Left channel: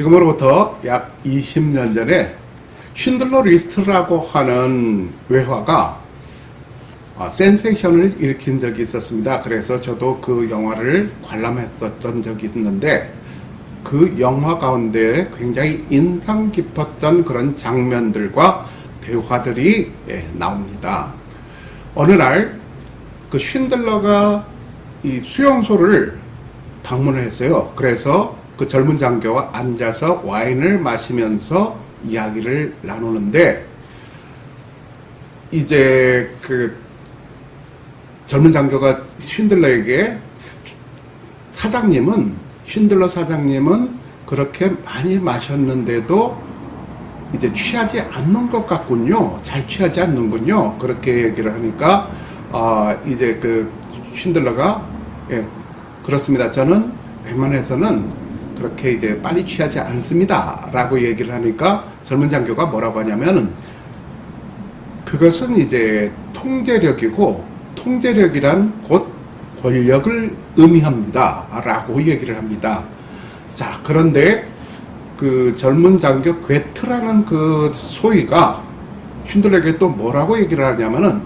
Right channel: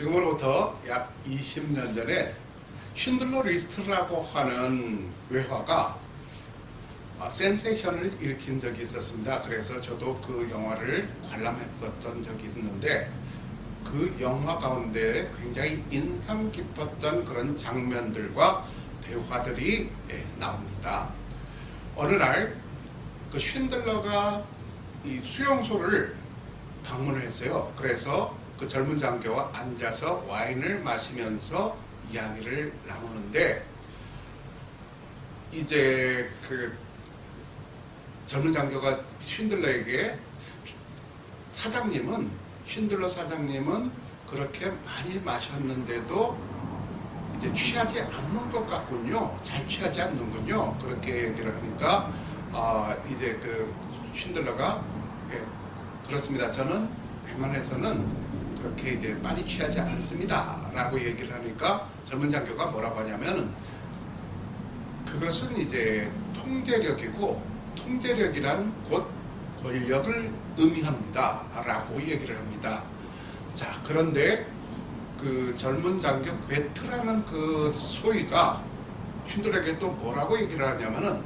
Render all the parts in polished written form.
지금으로부터 약 20년 전에 쉰들러 리스트라고 하는 외화가 센세이션을 일으킨 적이 있었습니다. 그래서 저도 그 영화를 관람했었던 적이 있는데, 그 영화 가운데 굉장히 인상 깊었던 그런 장면들과 대화들이 나옵니다. 어느 날 그 쉰들러가 이 수용소를 방문을 했어요. 그래서 그 젊은 장교와 앉아서 와인을 마시면서 이야기를 나누는데, 이제 그 젊은 장교가 쉰들러에게 쉰들러 사장님은 그렇게 많이 마셨는데도 이제 취하지 않는 것 같군요. 잘 취하지 않는군요. 그렇게 얘기를 하니까, 이제 그 쉰들러가, 그렇습니다. 저는 웬만해서는 그렇게 이제 빨리 취하지 않습니다. 라고 얘기를 하니까 젊은 장교가 뭐라고 하냐면은, 그것은 이제 통제력이고, 통제력이란 곧 권력을 의미합니다. 라고 얘기를 합니다. 자, 그런데 그 젊은 장교 괴트라는 그 소위가 쉰들러에게 또 뭐라고 얘기를 하냐면은,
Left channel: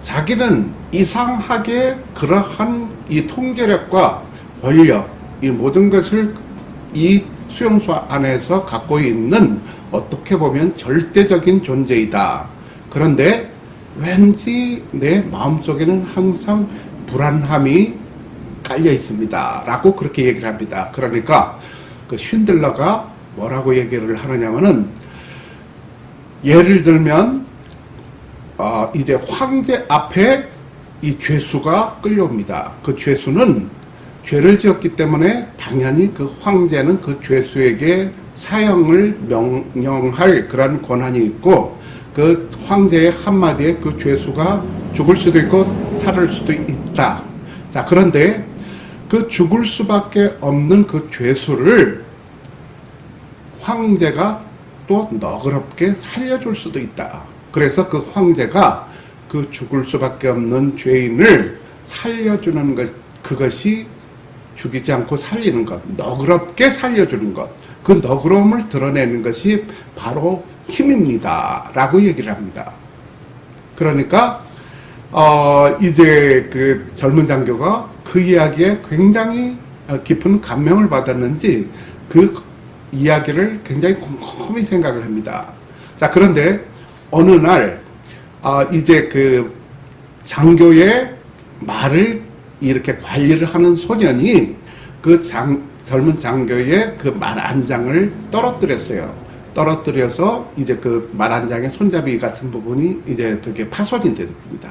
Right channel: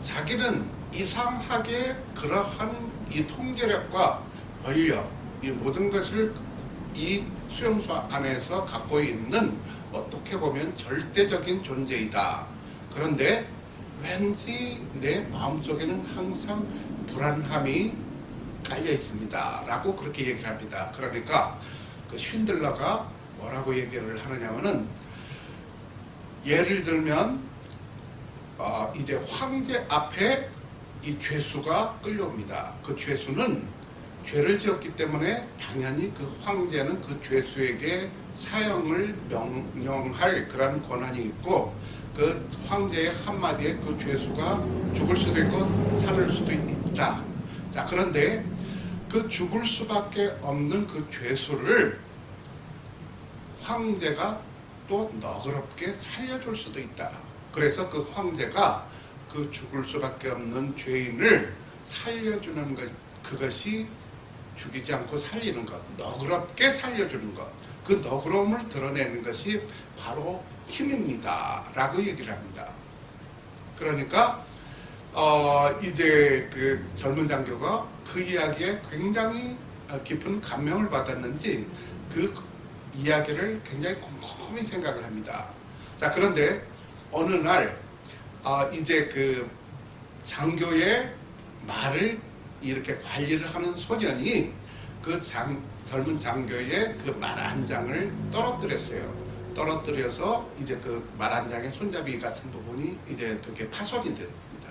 자기는 이상하게 그러한 이 통제력과 권력, 이 모든 것을 이 수용소 안에서 갖고 있는 어떻게 보면 절대적인 존재이다. 그런데 왠지 내 마음속에는 항상 불안함이 깔려 있습니다. 라고 그렇게 얘기를 합니다. 그러니까 그 쉰들러가 뭐라고 얘기를 하느냐면은, 예를 들면 이제 황제 앞에 이 죄수가 끌려옵니다. 그 죄수는 죄를 지었기 때문에 당연히 그 황제는 그 죄수에게 사형을 명령할 그런 권한이 있고, 그 황제의 한마디에 그 죄수가 죽을 수도 있고 살을 수도 있다. 자, 그런데 그 죽을 수밖에 없는 그 죄수를 황제가 또 너그럽게 살려줄 수도 있다. 그래서 그 황제가 그 죽을 수밖에 없는 죄인을 살려주는 것, 그것이 죽이지 않고 살리는 것, 너그럽게 살려주는 것, 그 너그러움을 드러내는 것이 바로 힘입니다. 라고 얘기를 합니다. 그러니까 이제 그 젊은 장교가 그 이야기에 굉장히 깊은 감명을 받았는지 그 이야기를 굉장히 곰곰이 생각을 합니다. 자, 그런데 어느 날 이제 그 장교의 말을 이렇게 관리를 하는 소년이 그 젊은 장교의 그 말 한 장을 떨어뜨렸어요. 떨어뜨려서 이제 그 말 한 장의 손잡이 같은 부분이 이제 되게 파손이 됩니다.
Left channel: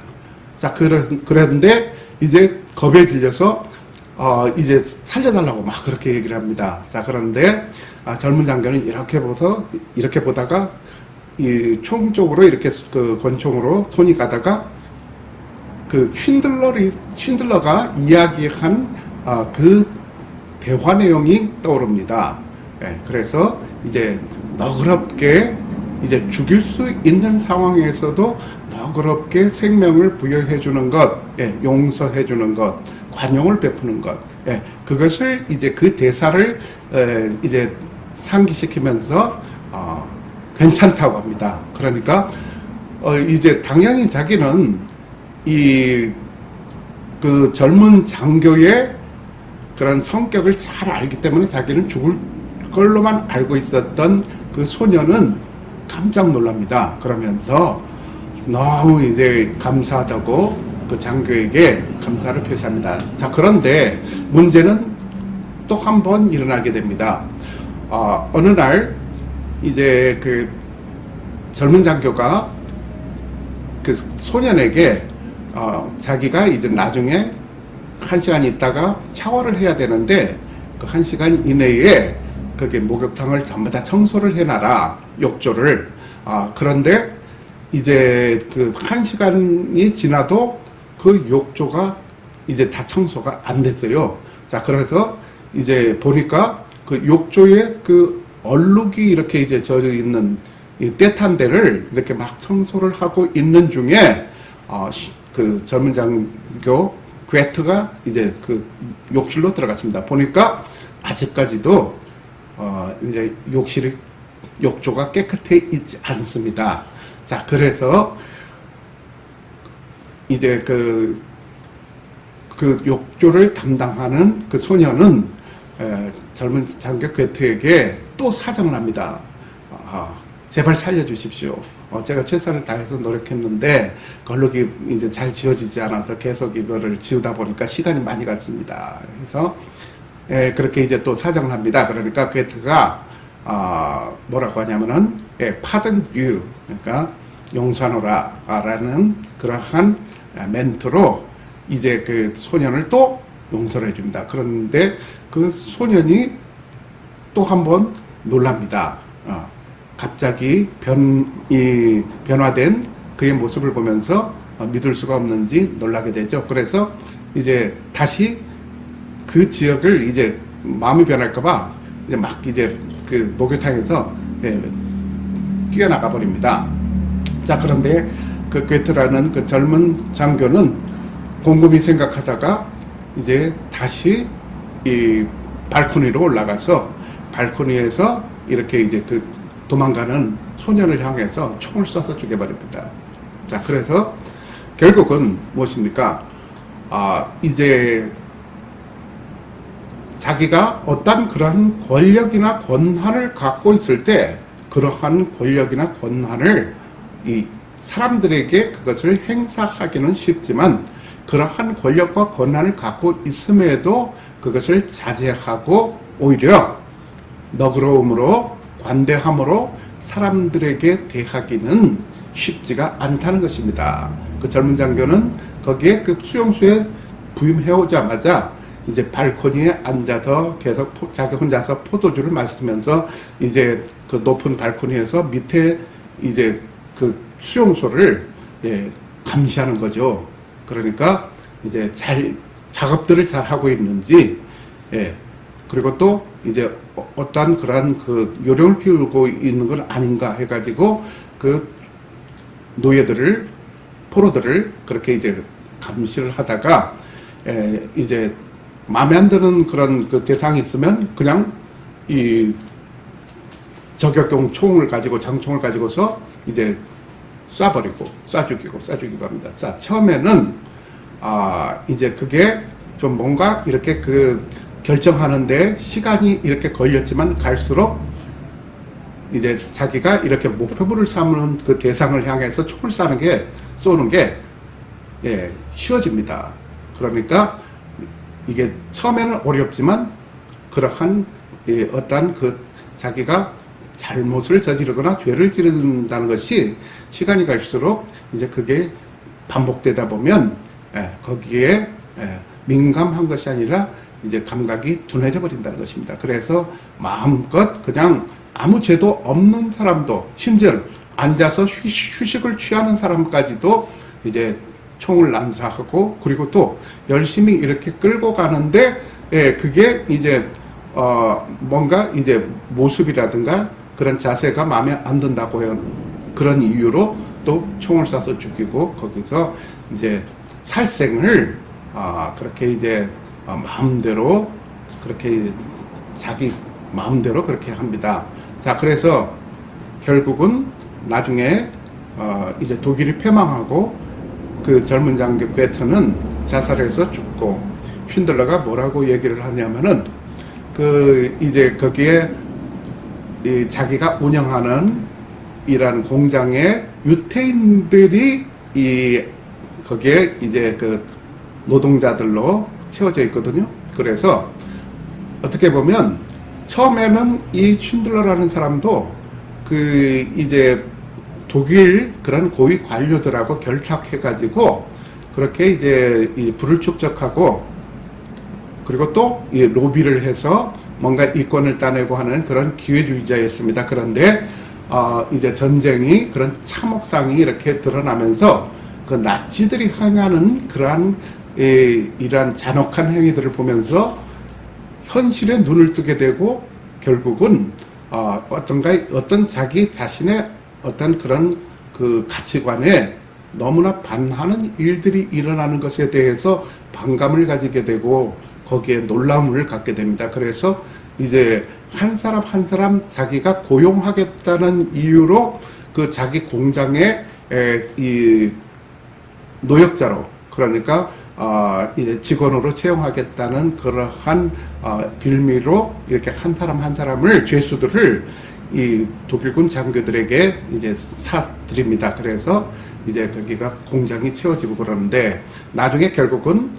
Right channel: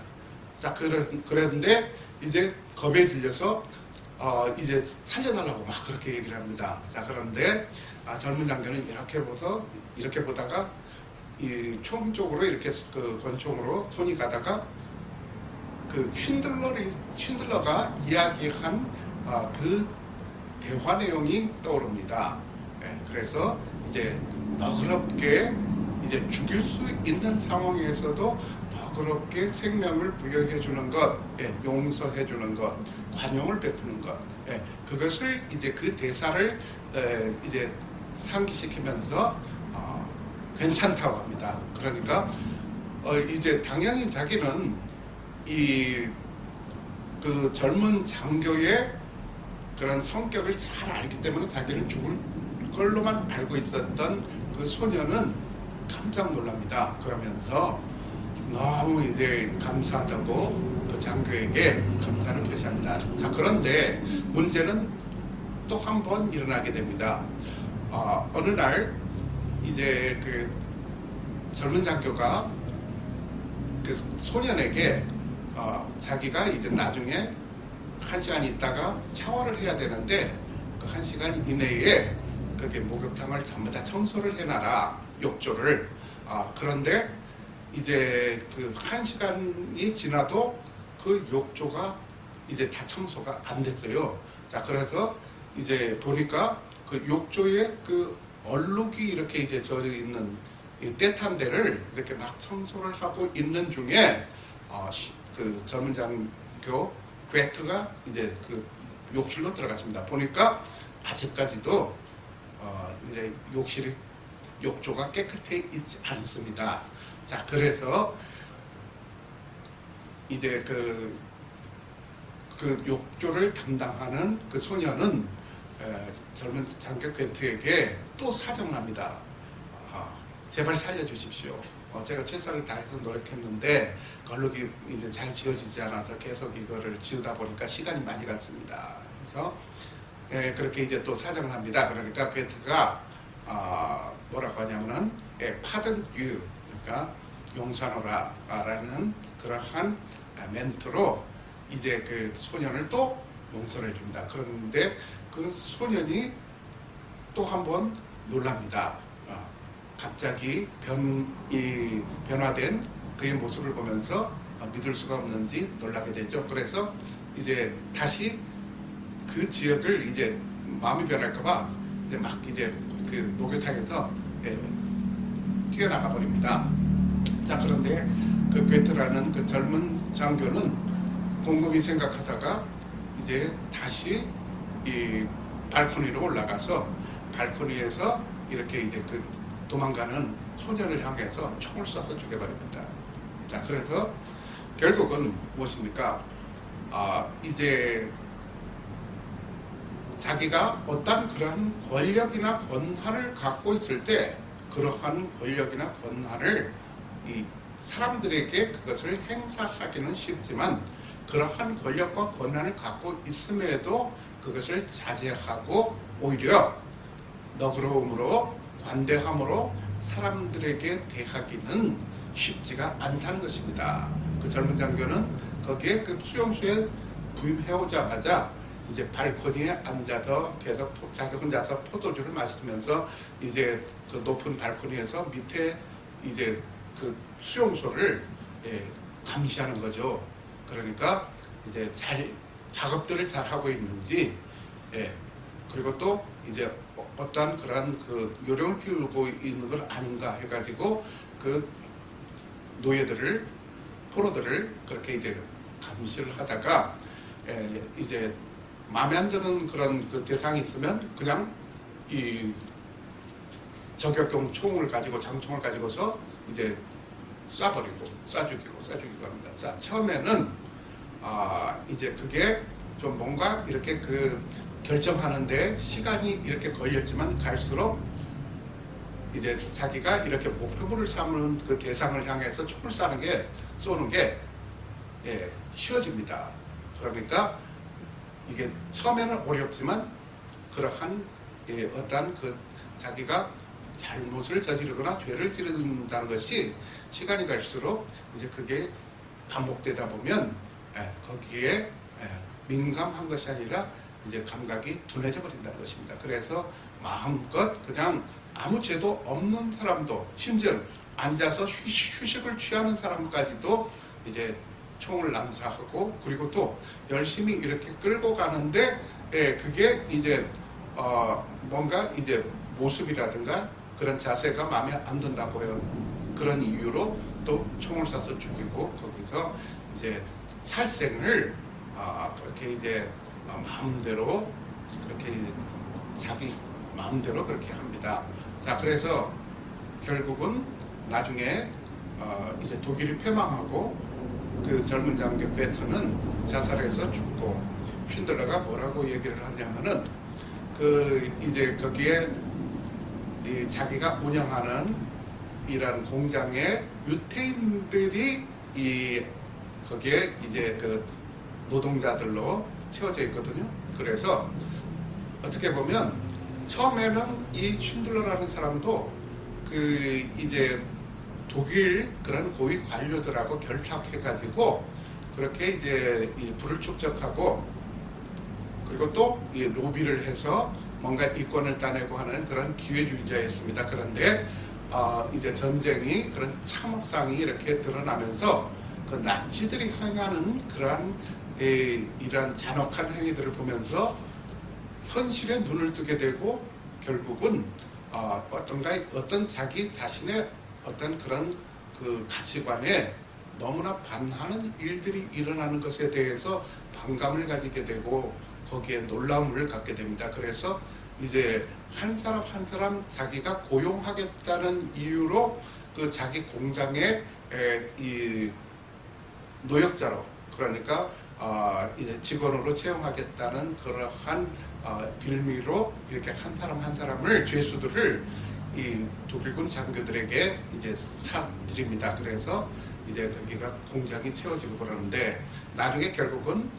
자, 그랬는데 이제 겁에 질려서 이제 살려달라고 막 그렇게 얘기를 합니다. 자, 그런데 젊은 장교는 이렇게 보다가 이 총 쪽으로 이렇게 그 권총으로 손이 가다가 그 쉰들러가 이야기한 그 대화 내용이 떠오릅니다. 그래서 이제 너그럽게 이제 죽일 수 있는 상황에서도 너그럽게 생명을 부여해 주는 것, 용서해 주는 것, 관용을 베푸는 것, 그것을 이제 그 대사를 이제 상기시키면서 괜찮다고 합니다. 그러니까 이제 당연히 자기는 이 그 젊은 장교의 그런 성격을 잘 알기 때문에 자기는 죽을 걸로만 알고 있었던 그 소녀는 깜짝 놀랍니다. 그러면서 너무 이제 감사하다고 그 장교에게 감사를 표시합니다. 자, 그런데 문제는 또 한 번 일어나게 됩니다. 어느 날 이제 그 젊은 장교가 그 소년에게 자기가 이제 나중에 1시간 있다가 샤워를 해야 되는데 그 1시간 이내에 거기 목욕탕을 전부 다 청소를 해놔라, 욕조를. 그런데 이제 그 1시간이 지나도 그 욕조가 이제 다 청소가 안 됐어요. 자, 그래서 이제 보니까 그 욕조에 그 얼룩이 이렇게 이제 젖어 있는 이 때탄 데를 이렇게 막 청소를 하고 있는 중에 그 젊은 장교 괴트가 이제 그 욕실로 들어갔습니다. 보니까 아직까지도 이제 욕조가 깨끗해 있지 않습니다. 자, 그래서 이제 그 욕조를 담당하는 그 소녀는 젊은 장교 괴테에게 또 사정을 합니다. 제발 살려주십시오. 제가 최선을 다해서 노력했는데 걸룩이 이제 잘 지어지지 않아서 계속 이거를 지우다 보니까 시간이 많이 갔습니다. 그래서 그렇게 이제 또 사정을 합니다. 그러니까 괴테가 뭐라고 하냐면은 pardon you, 그러니까 용서하노라라는 그러한 멘트로 이제 그 소년을 또 용서를 해줍니다. 그런데 그 소년이 또 한 번 놀랍니다. 갑자기 변화된 그의 모습을 보면서 믿을 수가 없는지 놀라게 되죠. 그래서 이제 다시 그 지역을 이제 마음이 변할까봐 이제 막 이제 그 목욕탕에서 뛰어나가 버립니다. 자, 그런데 그 괴테라는 그 젊은 장교는 곰곰이 생각하다가 이제 다시 이 발코니로 올라가서 발코니에서 이렇게 이제 그 도망가는 소년을 향해서 총을 쏴서 죽여버립니다. 자, 그래서 결국은 무엇입니까? 이제 자기가 어떤 그러한 권력이나 권한을 갖고 있을 때 그러한 권력이나 권한을 이 사람들에게 그것을 행사하기는 쉽지만 그러한 권력과 권한을 갖고 있음에도 그것을 자제하고 오히려 너그러움으로 관대함으로 사람들에게 대하기는 쉽지가 않다는 것입니다. 그 젊은 장교는 거기에 그 수용소에 부임해 오자마자 이제 발코니에 앉아서 계속 자기 혼자서 포도주를 마시면서 이제 그 높은 발코니에서 밑에 이제 그 수용소를 감시하는 거죠. 그러니까 이제 작업들을 잘 하고 있는지, 그리고 또 이제 어떠한 그러한 그 요령을 피우고 있는 건 아닌가 해가지고 그 포로들을 그렇게 이제 감시를 하다가 이제 마음에 안 드는 그런 그 대상이 있으면 그냥 이 저격용 총을 가지고 장총을 가지고서 이제 쏴 죽이고 합니다. 자, 처음에는 이제 그게 좀 뭔가 이렇게 그 결정하는데 시간이 이렇게 걸렸지만 갈수록 이제 자기가 이렇게 목표물을 삼는 그 대상을 향해서 총을 쏘는 게 쉬워집니다. 그러니까 이게 처음에는 어렵지만 그러한 어떤 그 자기가 잘못을 저지르거나 죄를 지른다는 것이 시간이 갈수록 이제 그게 반복되다 보면 거기에 민감한 것이 아니라 이제 감각이 둔해져 버린다는 것입니다. 그래서 마음껏 그냥 아무 죄도 없는 사람도 심지어 앉아서 휴식을 취하는 사람까지도 이제 총을 난사하고 그리고 또 열심히 이렇게 끌고 가는데 그게 이제 뭔가 이제 모습이라든가 그런 자세가 마음에 안 든다고 해요. 그런 이유로 또 총을 쏴서 죽이고 거기서 이제 살생을 그렇게 이제 마음대로 그렇게 자기 마음대로 그렇게 합니다. 자, 그래서 결국은 나중에 이제 독일이 패망하고 그 젊은 장교 괴테는 자살해서 죽고 쉰들러가 뭐라고 얘기를 하냐면은 그 이제 거기에 자기가 운영하는 이런 공장에 유태인들이 거기에 이제 그 노동자들로 채워져 있거든요. 그래서 어떻게 보면 처음에는 이 쉰들러라는 사람도 그 이제 독일 그런 고위 관료들하고 결탁해가지고 그렇게 이제 이 부를 축적하고 그리고 또 이 로비를 해서 뭔가 이권을 따내고 하는 그런 기회주의자였습니다. 그런데 이제 전쟁이 그런 참혹상이 이렇게 드러나면서 그 나치들이 행하는 그러한 이러한 잔혹한 행위들을 보면서 현실에 눈을 뜨게 되고 결국은 어떤 자기 자신의 어떤 그런 그 가치관에 너무나 반하는 일들이 일어나는 것에 대해서 반감을 가지게 되고 거기에 놀라움을 갖게 됩니다. 그래서 이제 한 사람 한 사람 자기가 고용하겠다는 이유로 그 자기 공장에 이 노역자로, 그러니까 이제 직원으로 채용하겠다는 그러한 빌미로 이렇게 한 사람 한 사람을 죄수들을 이 독일군 장교들에게 이제 사드립니다. 그래서 이제 거기가 공장이 채워지고 그러는데, 나중에 결국은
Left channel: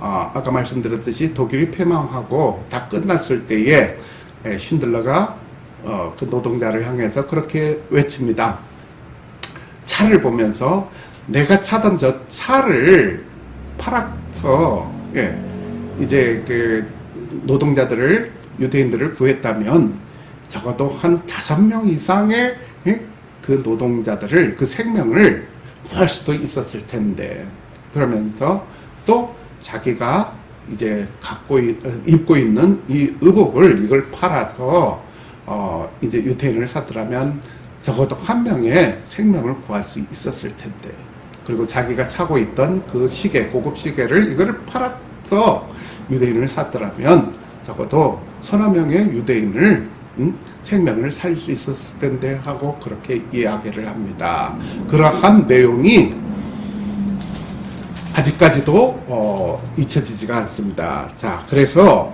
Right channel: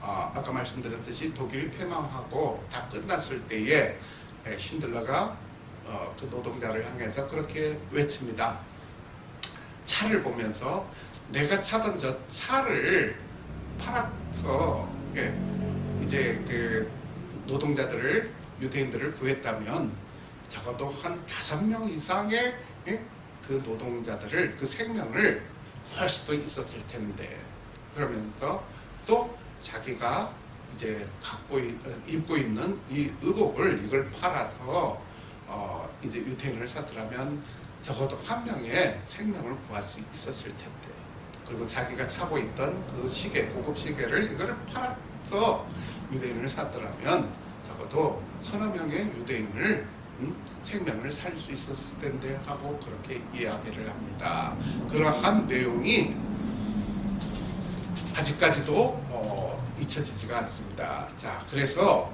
아까 말씀드렸듯이 독일이 패망하고 다 끝났을 때에 쉰들러가 그 노동자를 향해서 그렇게 외칩니다. 차를 보면서 내가 차던 저 차를 팔아서 이제 그 노동자들을, 유대인들을 구했다면 적어도 한 5명 이상의 그 노동자들을, 그 생명을 구할 수도 있었을 텐데, 그러면서 또 자기가 이제 입고 있는 이 의복을, 이걸 팔아서 이제 유태인을 사더라면 적어도 한 명의 생명을 구할 수 있었을 텐데, 그리고 자기가 차고 있던 그 시계, 고급 시계를, 이거를 팔아서 유대인을 샀더라면 적어도 서너 명의 유대인을 생명을 살릴 수 있었을 텐데 하고 그렇게 이야기를 합니다. 그러한 내용이 아직까지도 잊혀지지가 않습니다. 자, 그래서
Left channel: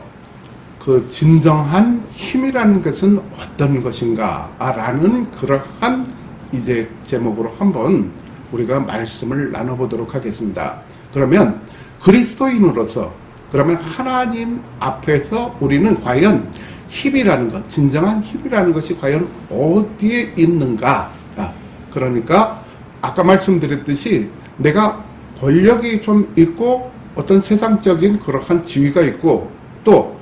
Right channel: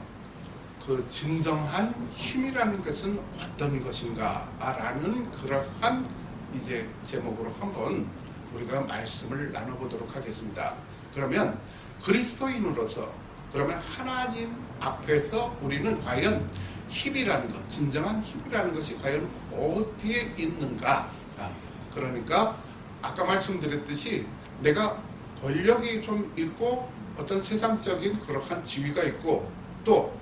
그 진정한 힘이라는 것은 어떤 것인가 라는 그러한 이제 제목으로 한번 우리가 말씀을 나눠보도록 하겠습니다. 그러면 그리스도인으로서, 그러면 하나님 앞에서 우리는 과연 힘이라는 것, 진정한 힘이라는 것이 과연 어디에 있는가? 그러니까 아까 말씀드렸듯이 내가 권력이 좀 있고 어떤 세상적인 그러한 지위가 있고, 또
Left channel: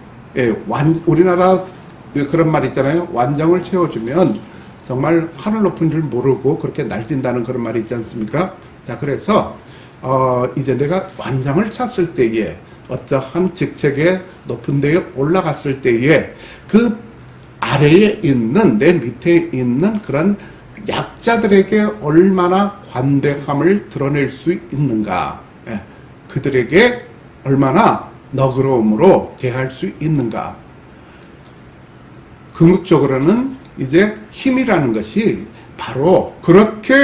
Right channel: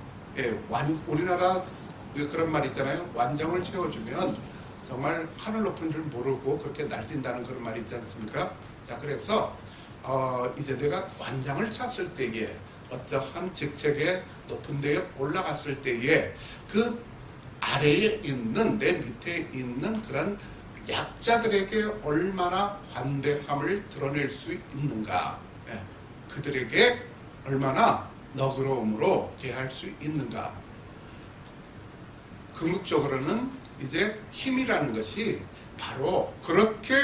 우리나라 그런 말 있잖아요. 완장을 채워주면 정말 하늘 높은 줄 모르고 그렇게 날뛴다는 그런 말이 있지 않습니까? 자, 그래서 이제 내가 완장을 찼을 때에, 어떠한 직책에 높은 데에 올라갔을 때에 그 아래에 있는, 내 밑에 있는 그런 약자들에게 얼마나 관대함을 드러낼 수 있는가, 그들에게 얼마나 너그러움으로 대할 수 있는가. 궁극적으로는 이제 힘이라는 것이 바로 그렇게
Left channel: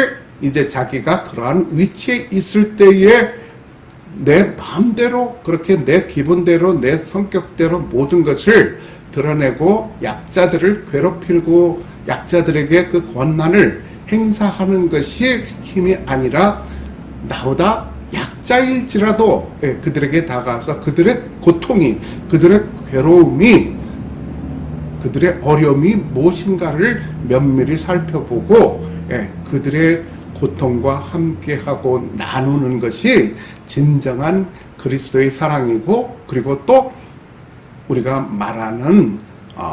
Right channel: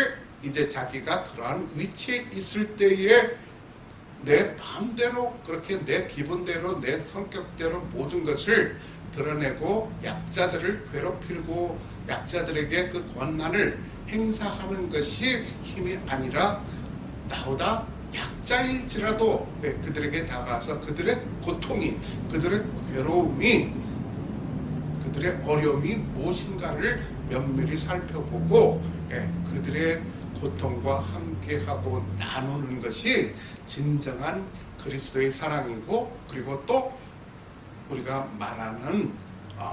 이제 자기가 그러한 위치에 있을 때에 내 마음대로, 그렇게 내 기분대로, 내 성격대로 모든 것을 드러내고 약자들을 괴롭히고 약자들에게 그 권한을 행사하는 것이 힘이 아니라, 나보다 약자일지라도 그들에게 다가가서 그들의 고통이, 그들의 괴로움이, 그들의 어려움이 무엇인가를 면밀히 살펴보고 그들의 고통과 함께하고 나누는 것이 진정한 그리스도의 사랑이고, 그리고 또 우리가 말하는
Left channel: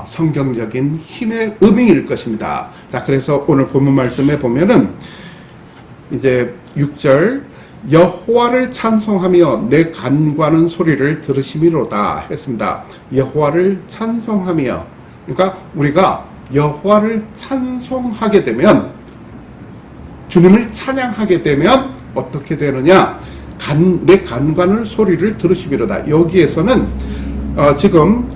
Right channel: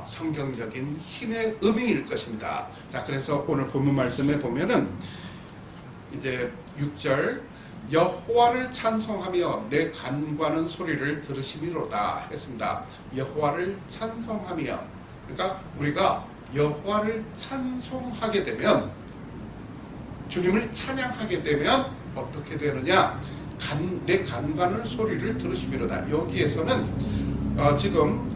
성경적인 힘의 의미일 것입니다. 자, 그래서 오늘 본문 말씀에 보면은 이제 6절, 여호와를 찬송하며 내 간구하는 소리를 들으심이로다 했습니다. 여호와를 찬송하며, 그러니까 우리가 여호와를 찬송하게 되면, 주님을 찬양하게 되면 어떻게 되느냐? 내 간구하는 소리를 들으심이로다. 여기에서는 지금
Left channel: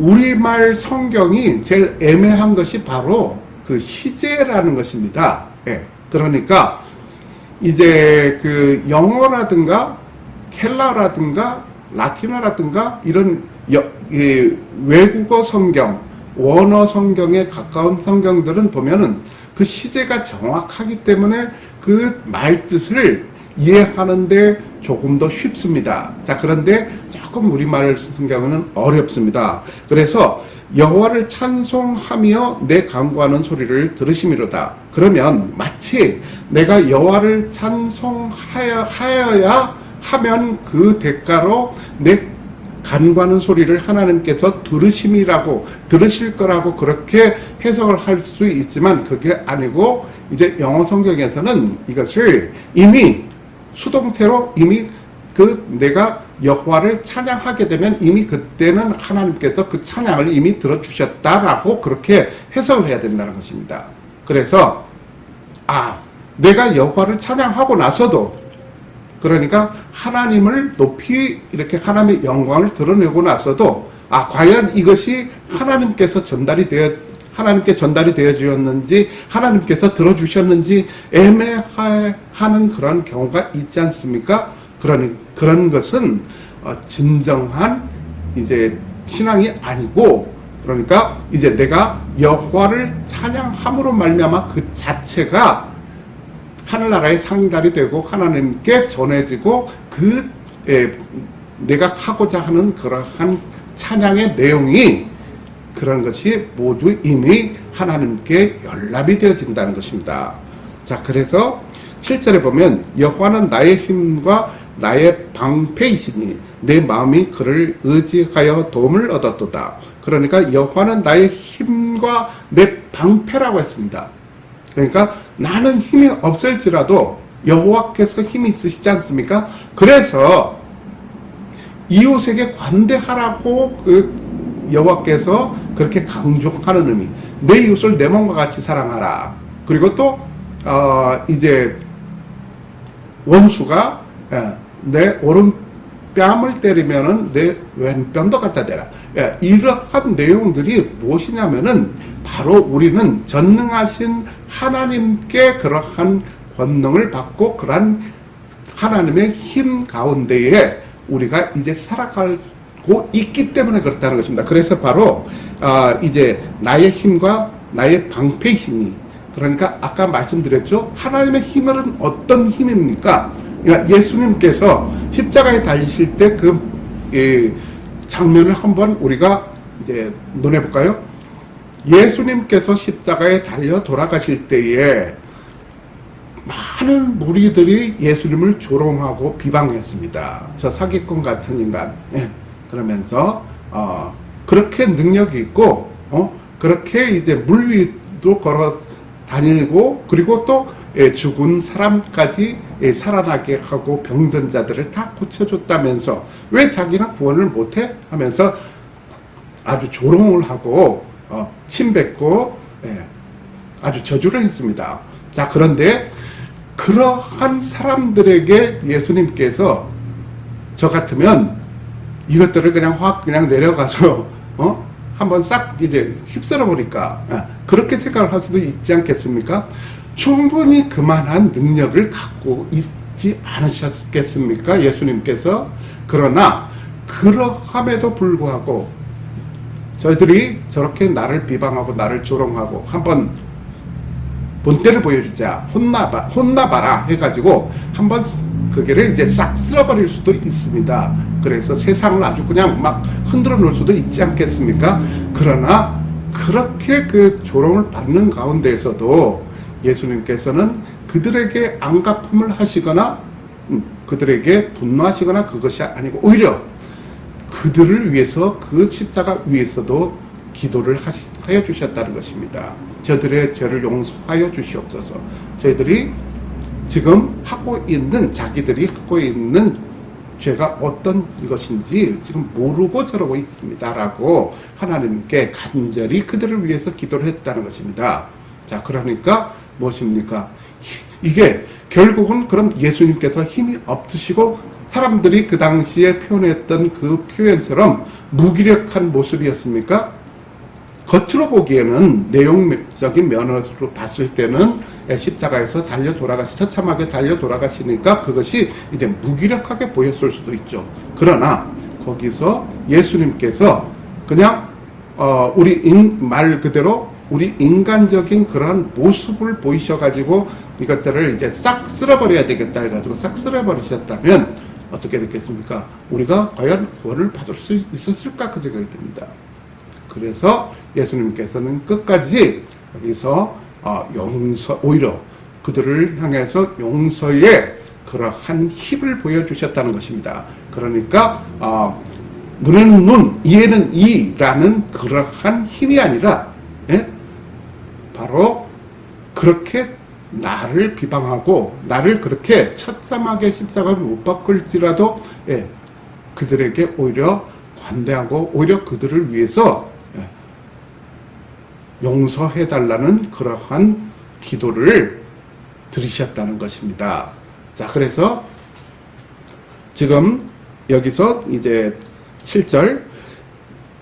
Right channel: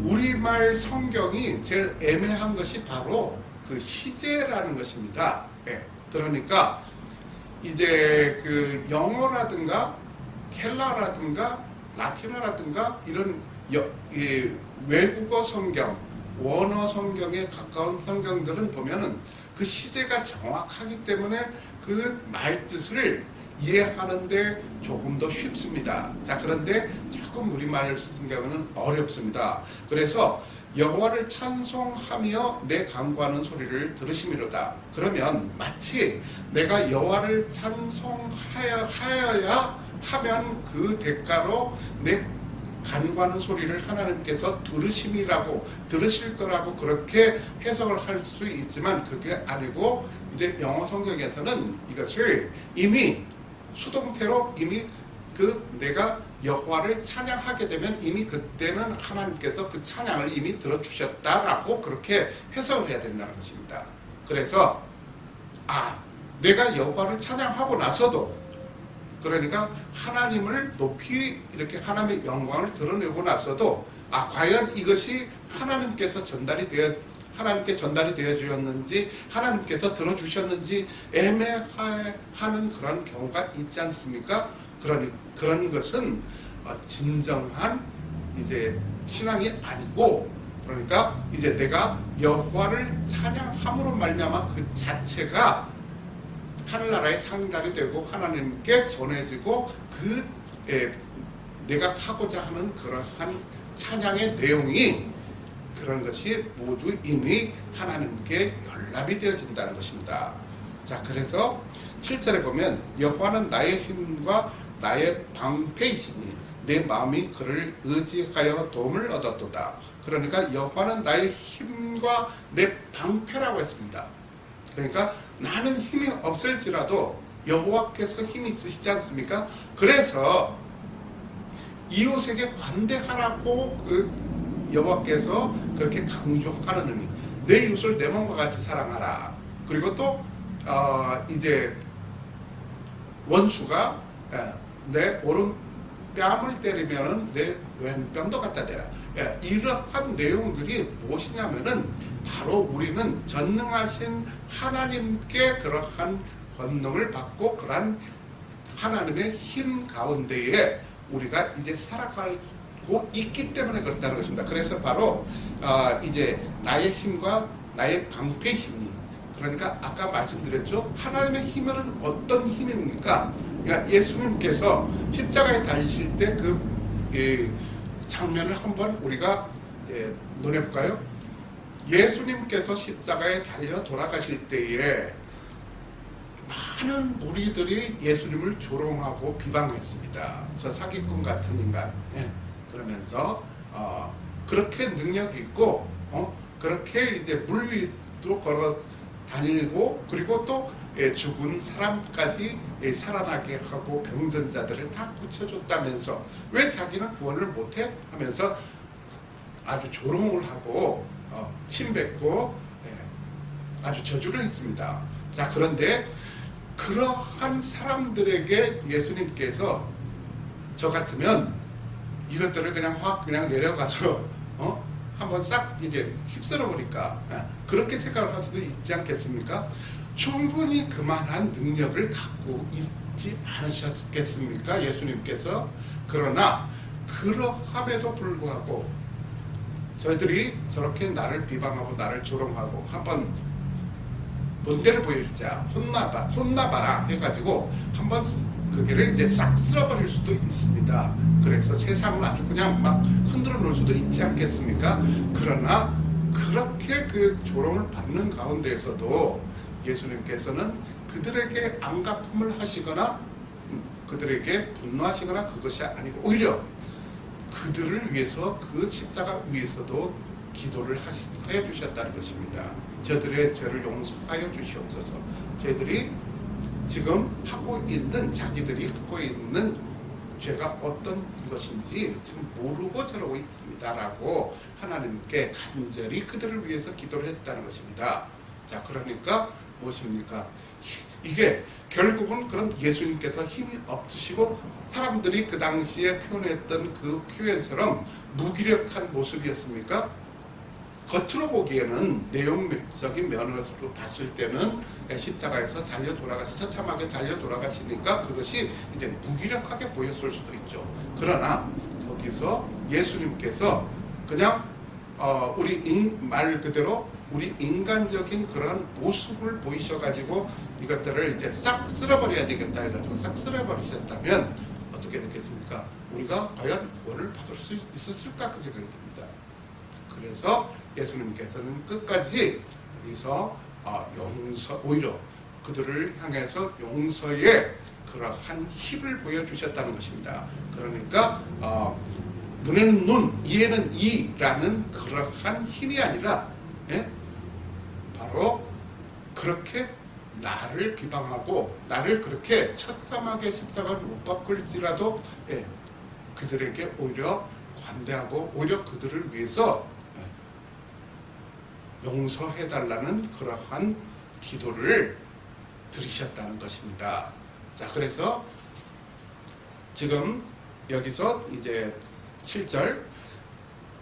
우리말 성경이 제일 애매한 것이 바로 그 시제라는 것입니다. 그러니까 이제 그 영어라든가 켈라라든가 라틴어라든가 이런 외국어 성경, 원어 성경에 가까운 성경들은 보면은 그 시제가 정확하기 때문에 그 말뜻을 이해하는데 조금 더 쉽습니다. 자, 그런데 조금 우리말 성경은 어렵습니다. 그래서 여호와를 찬송하며 내 간구하는 소리를 들으심이로다. 그러면 마치 내가 여호와를 찬송하여야 하면 그 대가로 내 간구하는 소리를 하나님께서 들으실 거라고 그렇게 해석을 할 수 있지만, 그게 아니고 이제 영어 성경에서는 이것을 이미 수동태로 이미 내가 여호와를 찬양하게 되면 이미 그때는 하나님께서 그 찬양을 이미 들어주셨다라고 그렇게 해석을 해야 된다는 것입니다. 그래서 내가 여호와를 찬양하고 나서도, 그러니까 하나님을 높이 이렇게 하나님의 영광을 드러내고 나서도 과연 이것이 하나님께 전달이 되어 주었는지, 하나님께서 들어주셨는지 애매하는 그런 경우가 있지 않습니까? 그런 것은 진정한 이제 신앙이 아니고, 그러니까 이제 내가 여호와를 찬양함으로 말미암아 그 자체가 하늘나라의 상달이 되고 하나님께 전해지고 내가 하고자 하는 그러한 찬양의 내용이 그런 것이 모두 이미 하나님께 연락이 되어진다는 것입니다. 자, 그래서 7절에 보면 여호와는 나의 힘과 나의 방패이시니 내 마음이 그를 의지하여 도움을 얻었도다. 그러니까 여호와는 나의 힘과 내 방패라고 했습니다. 그러니까 나는 힘이 없을지라도 여호와께서 힘이 있으시지 않습니까? 그래서 이웃에게 관대하라고 여호와께서 그렇게 강조하는 의미, 내 이웃을 내 몸과 같이 사랑하라. 그리고 또 이제 원수가 내 오른뺨을 때리면은 내 왼뺨도 갖다 대라. 이러한 내용들이 무엇이냐면은 바로 우리는 전능하신 하나님께 그러한 권능을 받고 그러한 하나님의 힘 가운데에 우리가 이제 살아가고 있기 때문에 그렇다는 것입니다. 그래서 바로 이제 나의 힘과 나의 방패이시니, 그러니까 아까 말씀드렸죠. 하나님의 힘은 어떤 힘입니까? 그러니까 예수님께서 십자가에 달리실 때 그 장면을 한번 우리가 이제 논해 볼까요? 예수님께서 십자가에 달려 돌아가실 때에 많은 무리들이 예수님을 조롱하고 비방했습니다. 저 사기꾼 같은 인간. 그러면서 그렇게 능력이 있고 그렇게 이제 물 위도 걸어 다니고, 그리고 또 죽은 사람까지 살아나게 하고 병전자들을 다 고쳐줬다면서 왜 자기는 구원을 못해? 하면서 아주 조롱을 하고 침뱉고 아주 저주를 했습니다. 자, 그런데 그러한 사람들에게 예수님께서 저 같으면 이것들을 그냥 내려가서 한번 싹 이제 휩쓸어 보니까 그렇게 생각을 할 수도 있지 않겠습니까? 충분히 그만한 능력을 갖고 있지 않으셨겠습니까? 예수님께서. 그러나 그러함에도 불구하고 저희들이 저렇게 나를 비방하고 나를 조롱하고 한번 본때를 보여주자, 혼나봐라 해가지고 한번 그게를 이제 싹 쓸어버릴 수도 있습니다. 그래서 세상을 아주 그냥 막 흔들어 놓을 수도 있지 않겠습니까? 그러나 그렇게 그 조롱을 받는 가운데에서도 예수님께서는 그들에게 안갚음을 하시거나 그들에게 분노하시거나 그것이 아니고 오히려 그들을 위해서 그 십자가 위에서도 기도를 하여 주셨다는 것입니다. 저들의 죄를 용서하여 주시옵소서. 저희들이 지금 자기들이 하고 있는 죄가 어떤 것인지 지금 모르고 저러고 있습니다라고 하나님께 간절히 그들을 위해서 기도를 했다는 것입니다. 자, 그러니까 무엇입니까? 이게 결국은 그럼 예수님께서 힘이 없으시고 사람들이 그 당시에 표현했던 그 표현처럼 무기력한 모습이었습니까? 겉으로 보기에는 내용적인 면으로 봤을 때는 십자가에서 처참하게 달려 돌아가시니까 그것이 이제 무기력하게 보였을 수도 있죠. 그러나 거기서 예수님께서 그냥 말 그대로 우리 인간적인 그런 모습을 보이셔가지고 이것들을 이제 싹 쓸어버려야 되겠다 해가지고 싹 쓸어버리셨다면 어떻게 됐겠습니까? 우리가 과연 구원을 받을 수 있었을까 그 생각이 듭니다. 그래서 예수님께서는 끝까지 여기서 오히려 그들을 향해서 용서의 그러한 힘을 보여주셨다는 것입니다. 그러니까 눈에는 눈, 이에는 이라는 그러한 힘이 아니라 바로 그렇게 나를 비방하고 나를 그렇게 처참하게 십자가를 못 박을지라도 그들에게 오히려 관대하고 오히려 그들을 위해서 용서해달라는 그러한 기도를 드리셨다는 것입니다. 자, 그래서 지금 여기서 이제 7절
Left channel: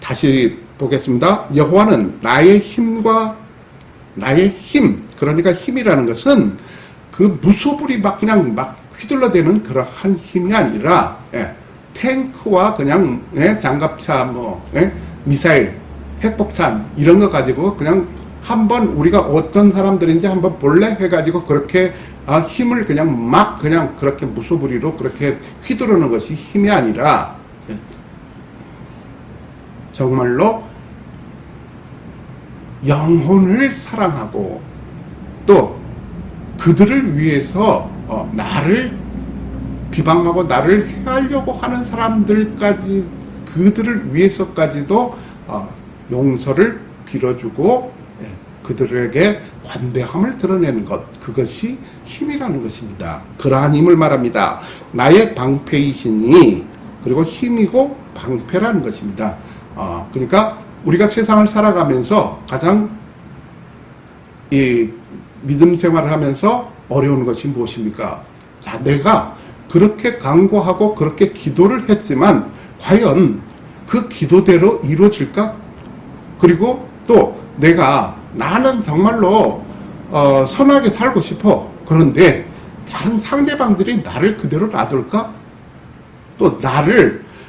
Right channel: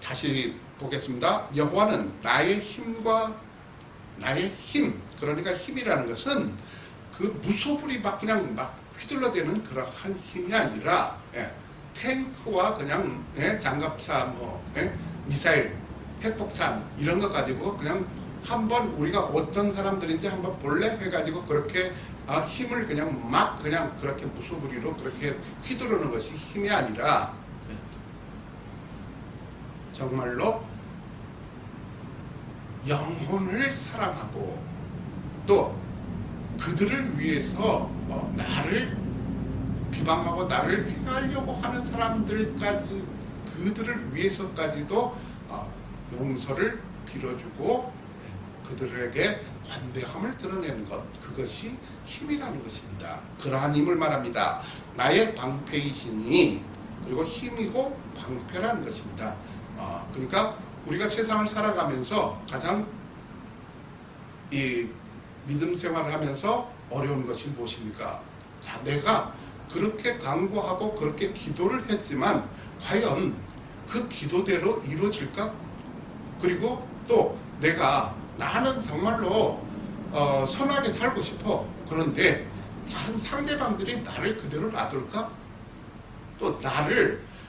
다시 보겠습니다. 여호와는 나의 힘과 나의 힘, 그러니까 힘이라는 것은 그 무소불이 막 그냥 막 휘둘러대는 그러한 힘이 아니라, 탱크와 그냥, 장갑차, 미사일, 핵폭탄 이런 거 가지고 그냥 한번 우리가 어떤 사람들인지 한번 볼래 해가지고 그렇게 힘을 그냥 막 그냥 그렇게 무소불위로 그렇게 휘두르는 것이 힘이 아니라, 정말로 영혼을 사랑하고 또 그들을 위해서 나를 비방하고 나를 해하려고 하는 사람들까지, 그들을 위해서까지도 용서를 빌어주고 그들에게 관대함을 드러내는 것, 그것이 힘이라는 것입니다. 그러한 힘을 말합니다. 나의 방패이시니, 그리고 힘이고 방패라는 것입니다. 그러니까 우리가 세상을 살아가면서 가장 이 믿음 생활을 하면서 어려운 것이 무엇입니까? 자, 내가 그렇게 간구하고 그렇게 기도를 했지만 과연 그 기도대로 이루어질까? 그리고 또 나는 정말로 선하게 살고 싶어. 그런데 다른 상대방들이 나를 그대로 놔둘까? 또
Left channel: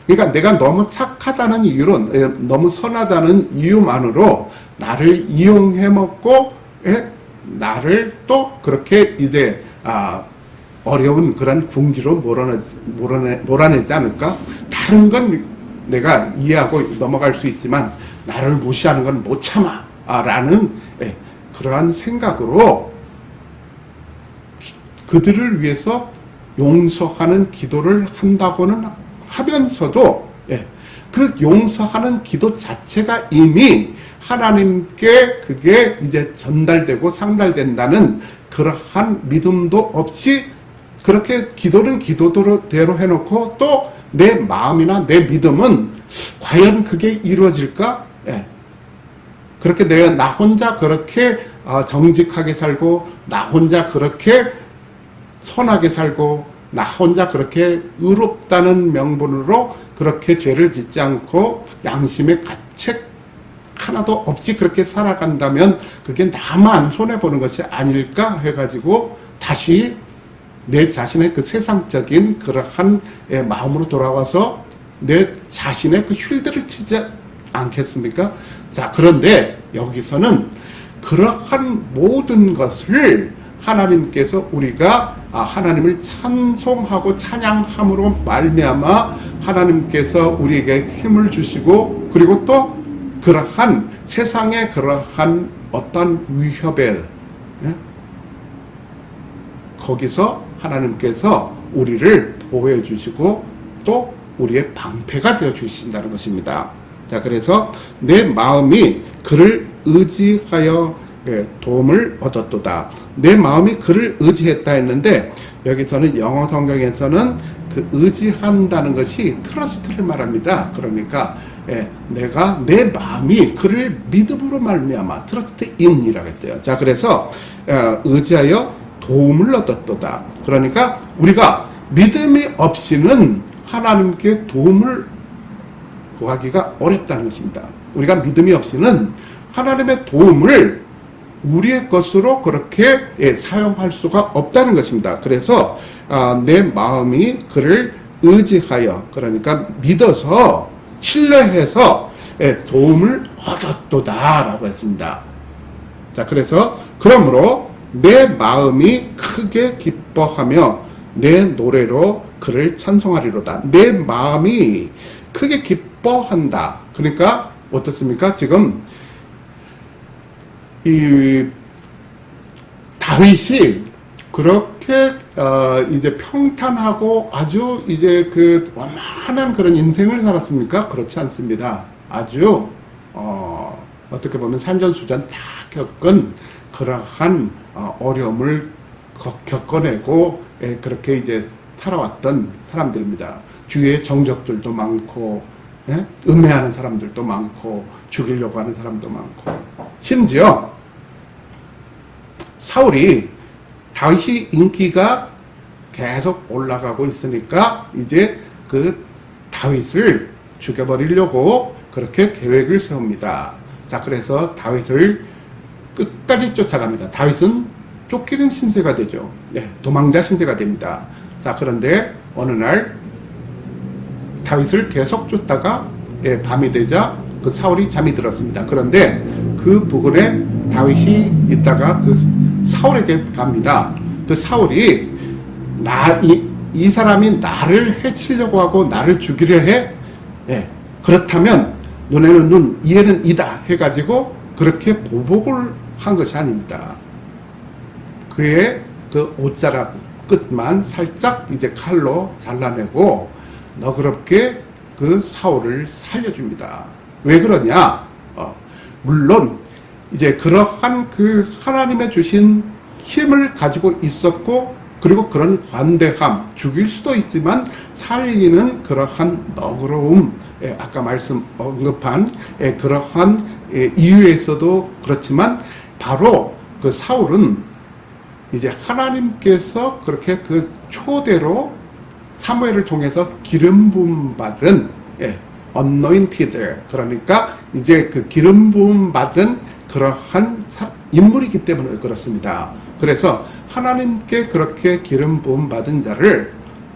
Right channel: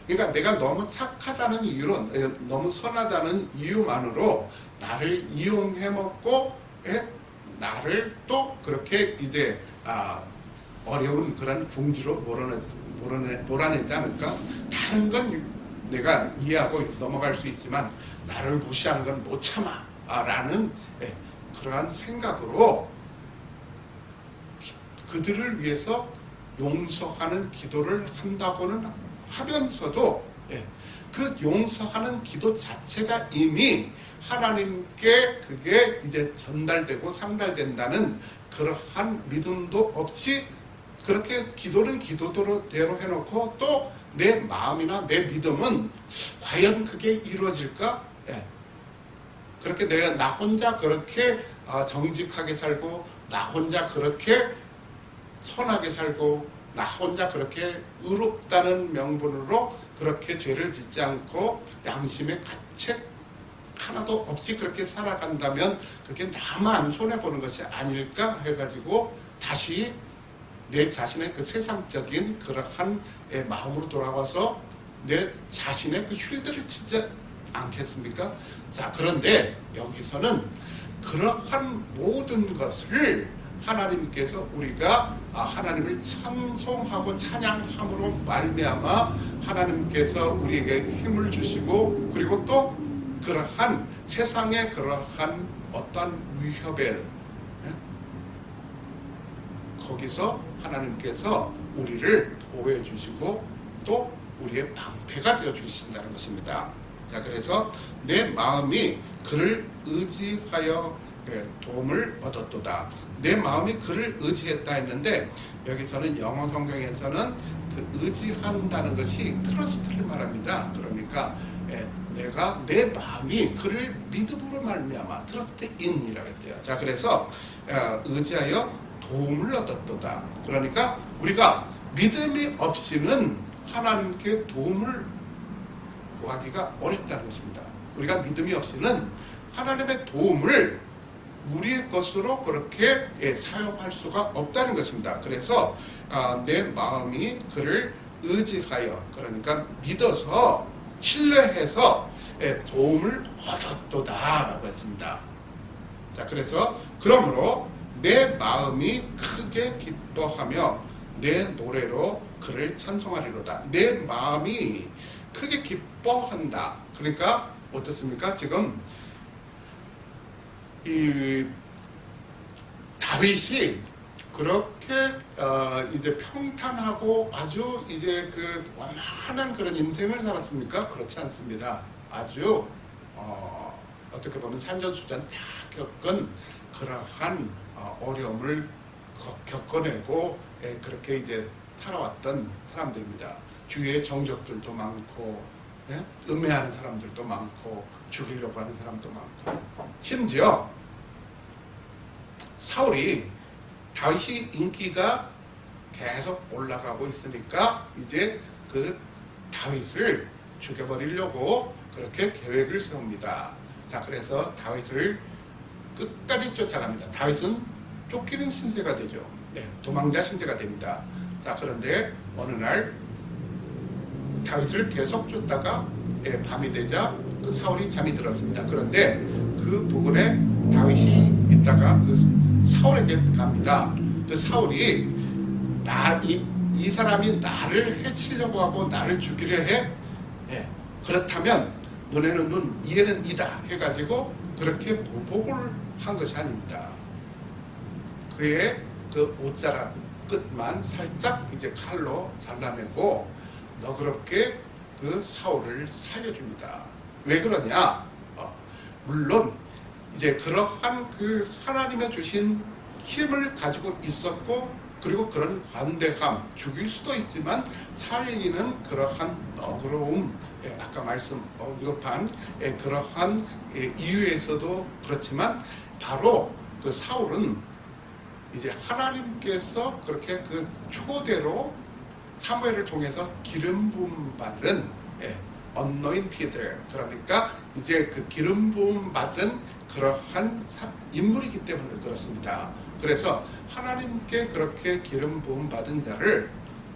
그러니까 내가 너무 착하다는 이유로, 너무 선하다는 이유만으로 나를 이용해 먹고, 나를 또 그렇게 이제 어려운 그런 궁지로 몰아내지 않을까? 다른 건 내가 이해하고 넘어갈 수 있지만 나를 무시하는 건 못 참아 라는 그러한 생각으로 그들을 위해서 용서하는 기도를 한다고는 하면서도, 그 용서하는 기도 자체가 이미 하나님께 그게 이제 전달되고 상달된다는 그러한 믿음도 없이 그렇게 기도는 기도대로 해놓고 또 내 마음이나 내 믿음은 과연 그게 이루어질까? 그렇게 나 혼자 그렇게 정직하게 살고, 나 혼자 그렇게 선하게 살고, 나 혼자 그렇게 의롭다는 명분으로 그렇게 죄를 짓지 않고 양심의 가책 하나도 없이 그렇게 살아간다면 그게 나만 손해보는 것이 아닐까 해가지고 다시 내 자신의 그 세상적인 그러한 마음으로 돌아와서 내 자신의 그 쉴드를 치지 않겠습니까? 자, 그런데 여기서는 그러한 모든 것을 하나님께서 우리가 하나님을 찬송하고 찬양함으로 말미암아 하나님께서 우리에게 힘을 주시고, 그리고 또 그러한 세상의 그러한 어떤 위협에 거기서 하나님께서 우리를 보호해 주시고 또 우리의 방패가 되어 주신다는 것입니다. 자, 그래서 내 마음이 그를 의지하여 도움을 얻었도다. 내 마음이 그를 의지했다 했는데, 여기서는 영어 성경에서는 그 의지한다는 것이 트러스트를 말합니다. 그러니까 내가 내 마음이 그를 믿음으로 말미암아 트러스트 인이라고 했대요. 자, 그래서 의지하여 도움을 얻었도다. 그러니까 우리가 믿음이 없이는 하나님께 도움을 구하기가 어렵다는 것입니다. 우리가 믿음이 없이는 하나님의 도움을 우리의 것으로 그렇게 사용할 수가 없다는 것입니다. 그래서 내 마음이 그를 의지하여, 그러니까 믿어서 신뢰해서 도움을 얻었도다 라고 했습니다. 자, 그래서 그러므로 내 마음이 크게 기뻐하며 내 노래로 그를 찬송하리로다. 내 마음이 크게 기뻐한다. 그러니까 어떻습니까? 지금 이 다윗이 그렇게 이제 평탄하고 아주 이제 그 완만한 그런 인생을 살았습니까? 그렇지 않습니다. 아주 어떻게 보면 산전수전 다 겪은 그러한 어려움을 겪어내고 그렇게 이제 살아왔던 사람들입니다. 주위에 정적들도 많고, 음해하는 사람들도 많고, 죽이려고 하는 사람도 많고, 심지어 사울이 다윗이 인기가 계속 올라가고 있으니까 이제 그 다윗을 죽여버리려고 그렇게 계획을 세웁니다. 자, 그래서 다윗을 끝까지 쫓아갑니다. 다윗은 쫓기는 신세가 되죠. 네, 도망자 신세가 됩니다. 자, 그런데 어느 날 다윗을 계속 쫓다가 밤이 되자 그 사울이 잠이 들었습니다. 그런데 그 부근에 다윗이 있다가 그 사울에게 갑니다. 그 사울이 이 사람이 나를 해치려고 하고 나를 죽이려 해. 그렇다면 눈에는 눈, 이에는 이다 해가지고 그렇게 보복을 한 것이 아닙니다. 그의 그 옷자락 끝만 살짝 이제 칼로 잘라내고 너그럽게 그 사울을 살려줍니다. 왜 그러냐? 물론 이제 그러한 그 하나님의 주신 힘을 가지고 있었고, 그리고 그런 관대함, 죽일 수도 있지만 살리는 그러한 너그러움, 아까 언급한 그러한 이유에서도 그렇지만, 바로 그 사울은 이제 하나님께서 그렇게 그 초대로 사무엘을 통해서 기름 부음 받은 anointed, 그러니까 이제 그 기름 부음 받은 그러한 인물이기 때문에 그렇습니다. 그래서 하나님께 그렇게 기름 부음 받은 자를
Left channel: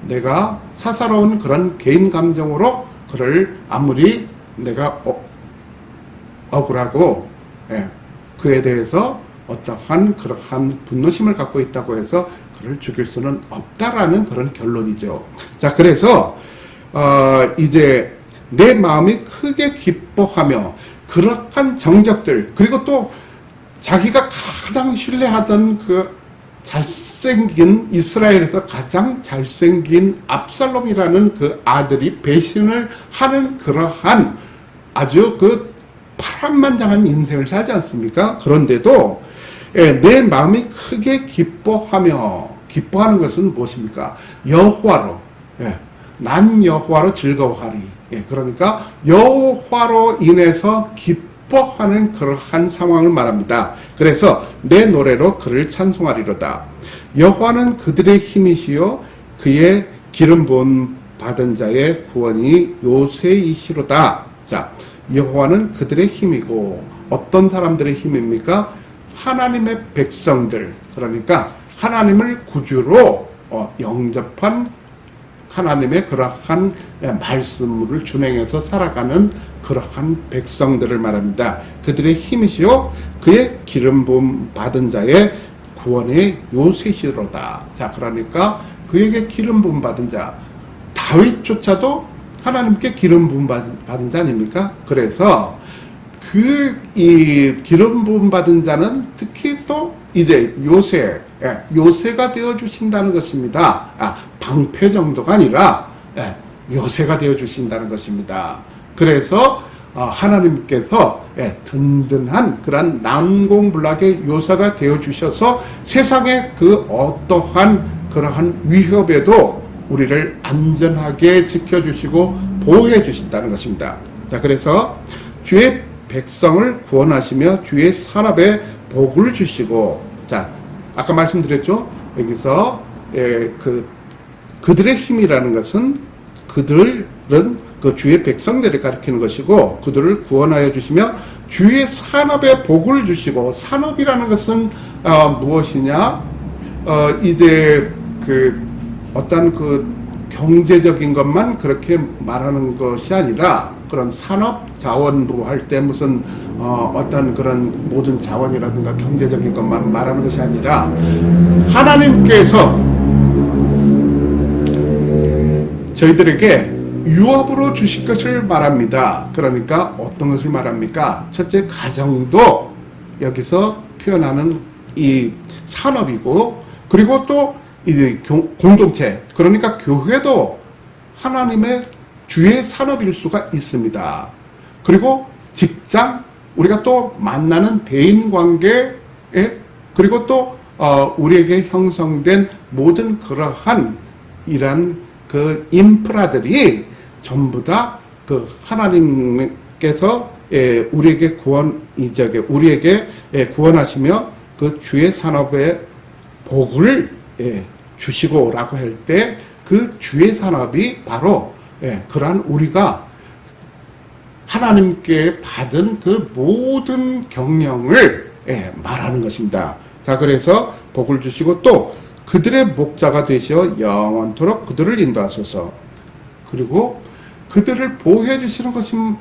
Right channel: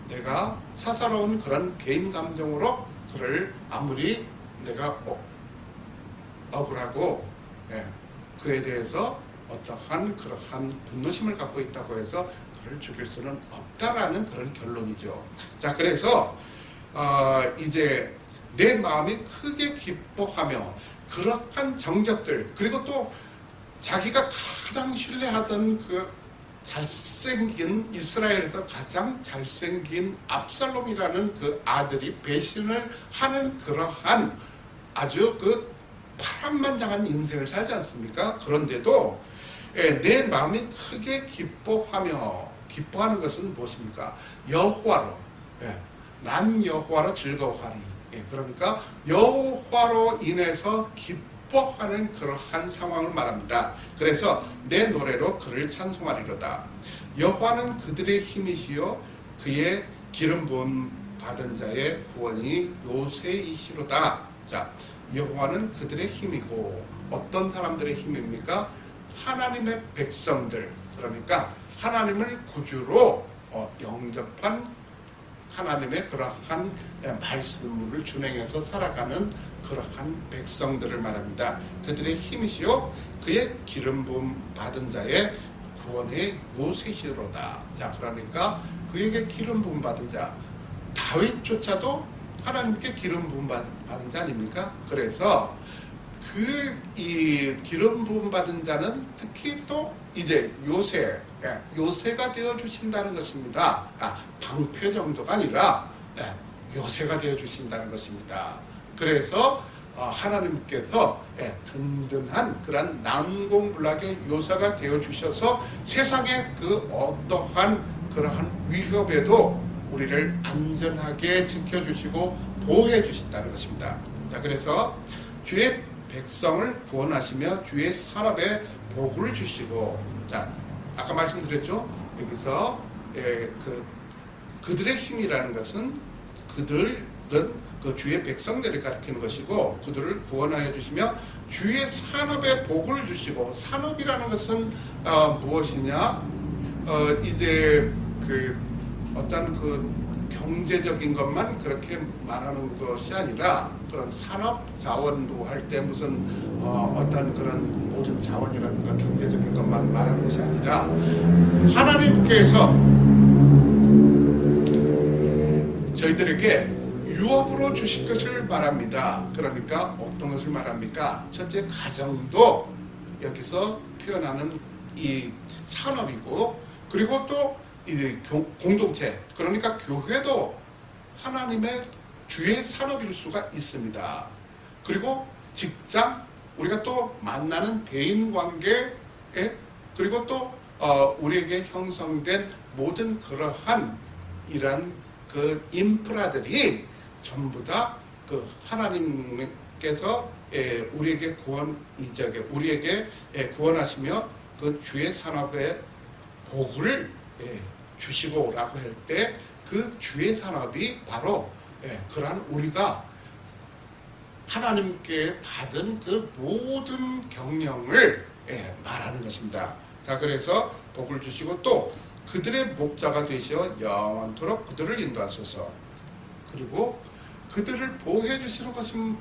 내가 사사로운 그런 개인 감정으로 그를 아무리 내가 억울하고 그에 대해서 어떠한 그러한 분노심을 갖고 있다고 해서 그를 죽일 수는 없다라는 그런 결론이죠. 자, 그래서 이제 내 마음이 크게 기뻐하며 그러한 정적들, 그리고 또 자기가 가장 신뢰하던 그 잘생긴, 이스라엘에서 가장 잘생긴 압살롬이라는 그 아들이 배신을 하는 그러한 아주 그 파란만장한 인생을 살지 않습니까? 그런데도 내 마음이 크게 기뻐하는 것은 무엇입니까? 여호와로, 난 여호와로 즐거워하리. 그러니까 여호와로 인해서 기뻐하는 그러한 상황을 말합니다. 그래서 내 노래로 그를 찬송하리로다. 여호와는 그들의 힘이시요 그의 기름 부음 받은 자의 구원이 요새이시로다. 자, 여호와는 그들의 힘이고, 어떤 사람들의 힘입니까? 하나님의 백성들, 그러니까 하나님을 구주로 영접한 하나님의 그러한 말씀을 준행해서 살아가는 그러한 백성들을 말합니다. 그들의 힘이시요 그의 기름 부음 받은 자의 구원의 요새시로다. 자, 그러니까 그에게 기름 부음 받은 자, 다윗조차도 하나님께 기름 부음 받은 자 아닙니까? 그래서 이 기름 부음 받은 자는 특히 또 이제 요새가 되어 주신다는 것입니다. 방패 정도가 아니라 요새가 되어 주신다는 것입니다. 그래서 하나님께서 든든한 그런 난공불락의 요새가 되어 주셔서 세상의 그 어떠한 그러한 위협에도 우리를 안전하게 지켜주시고 보호해 주신다는 것입니다. 자, 그래서 주의 백성을 구원하시며 주의 산업에 복을 주시고, 자, 아까 말씀드렸죠. 여기서 그들의 힘이라는 것은 그들은 그 주의 백성들을 가리키는 것이고, 그들을 구원하여 주시며 주의 산업에 복을 주시고, 산업이라는 것은 무엇이냐? 이제 어떤 경제적인 것만 그렇게 말하는 것이 아니라, 그런 산업자원부 할 때 무슨 어떤 그런 모든 자원이라든가 경제적인 것만 말하는 것이 아니라, 하나님께서 저희들에게 유업으로 주실 것을 말합니다. 그러니까 어떤 것을 말합니까? 첫째, 가정도 여기서 표현하는 이 산업이고, 그리고 또 이 공동체, 그러니까 교회도 하나님의 주의 산업일 수가 있습니다. 그리고 직장, 우리가 또 만나는 대인관계, 그리고 또 우리에게 형성된 모든 그러한 이런 그 인프라들이 전부 다 그 하나님께서 우리에게 우리에게 구원하시며 그 주의 산업의 복을 주시고라고 할 때, 그 주의 산업이 바로 그러한 우리가 하나님께 받은 그 모든 경영을 말하는 것입니다. 자, 그래서 복을 주시고 또 그들의 목자가 되시어 영원토록 그들을 인도하소서. 그리고 그들을 보호해 주시는 것은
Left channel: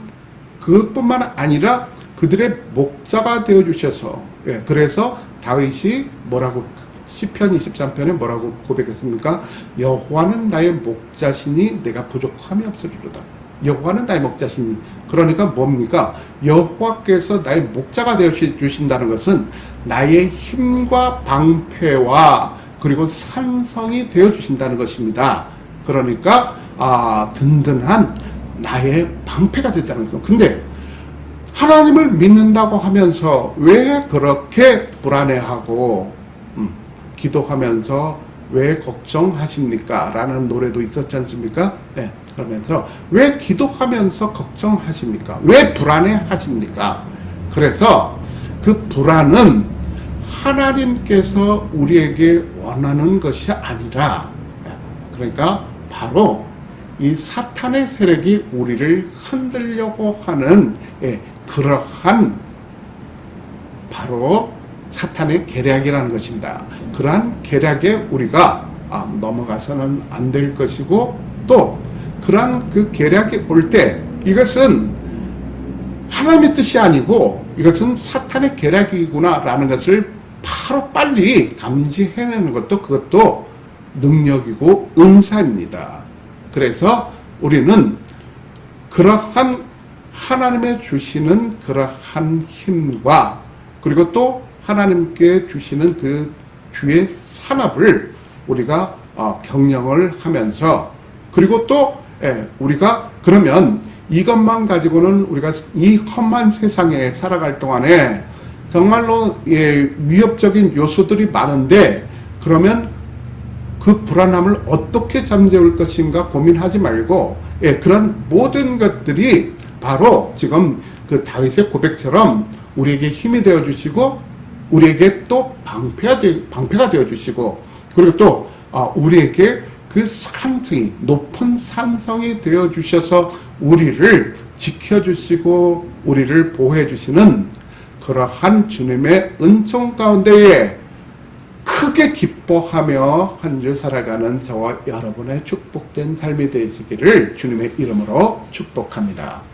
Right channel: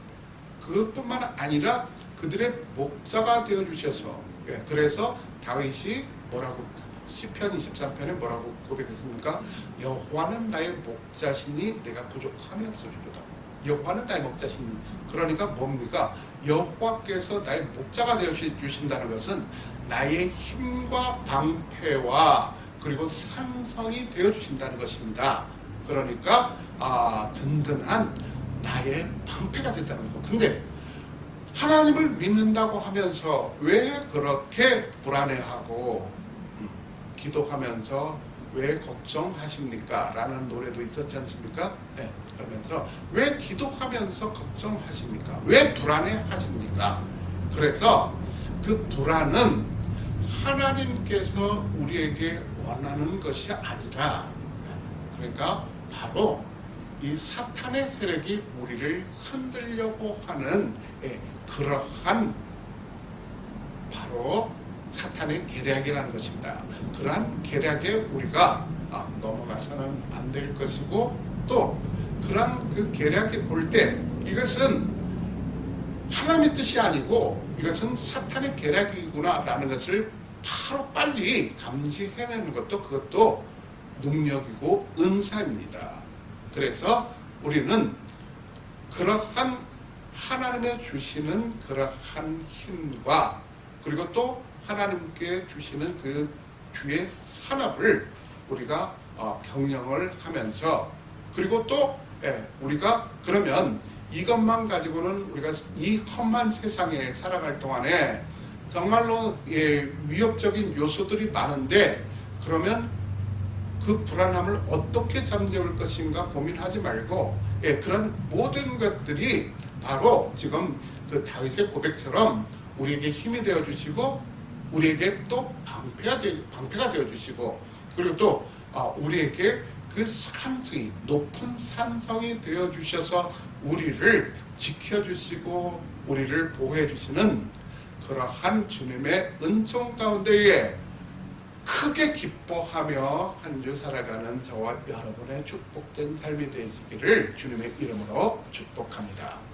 그것뿐만 아니라 그들의 목자가 되어 주셔서, 그래서 다윗이 뭐라고 시편 23편에 뭐라고 고백했습니까? 여호와는 나의 목자시니 내가 부족함이 없으리로다. 여호와는 나의 목자시니, 그러니까 뭡니까? 여호와께서 나의 목자가 되어 주신다는 것은 나의 힘과 방패와 그리고 산성이 되어 주신다는 것입니다. 그러니까 든든한 나의 방패가 됐다는 거죠. 근데 하나님을 믿는다고 하면서 왜 그렇게 불안해하고 기도하면서 왜 걱정하십니까? 라는 노래도 있었지 않습니까? 네, 그러면서 왜 기도하면서 걱정하십니까? 왜 불안해하십니까? 그래서 그 불안은 하나님께서 우리에게 원하는 것이 아니라, 그러니까 바로 이 사탄의 세력이 우리를 흔들려고 하는 그러한 바로 사탄의 계략이라는 것입니다. 그러한 계략에 우리가 넘어가서는 안 될 것이고, 또 그러한 그 계략이 올 때 이것은 하나님의 뜻이 아니고 이것은 사탄의 계략이구나 라는 것을 바로 빨리 감지해내는 것도 그것도 능력이고 은사입니다. 그래서 우리는 그러한 하나님의 주시는 그러한 힘과 그리고 또 하나님께 주시는 그 주의 산업을 우리가 경영을 하면서, 그리고 또 우리가 그러면 이것만 가지고는 우리가 이 험한 세상에 살아갈 동안에 정말로 위협적인 요소들이 많은데, 그러면 그 불안함을 어떻게 잠재울 것인가 고민하지 말고, 그런 모든 것들이 바로 지금 그 다윗의 고백처럼 우리에게 힘이 되어 주시고 우리에게 또 방패가 되어 주시고, 그리고 또 우리에게 그 산성이 높은 산성이 되어 주셔서 우리를 지켜 주시고 우리를 보호해 주시는 그러한 주님의 은총 가운데에 크게 기뻐하며 한 주 살아가는 저와 여러분의 축복된 삶이 되시기를 주님의 이름으로 축복합니다.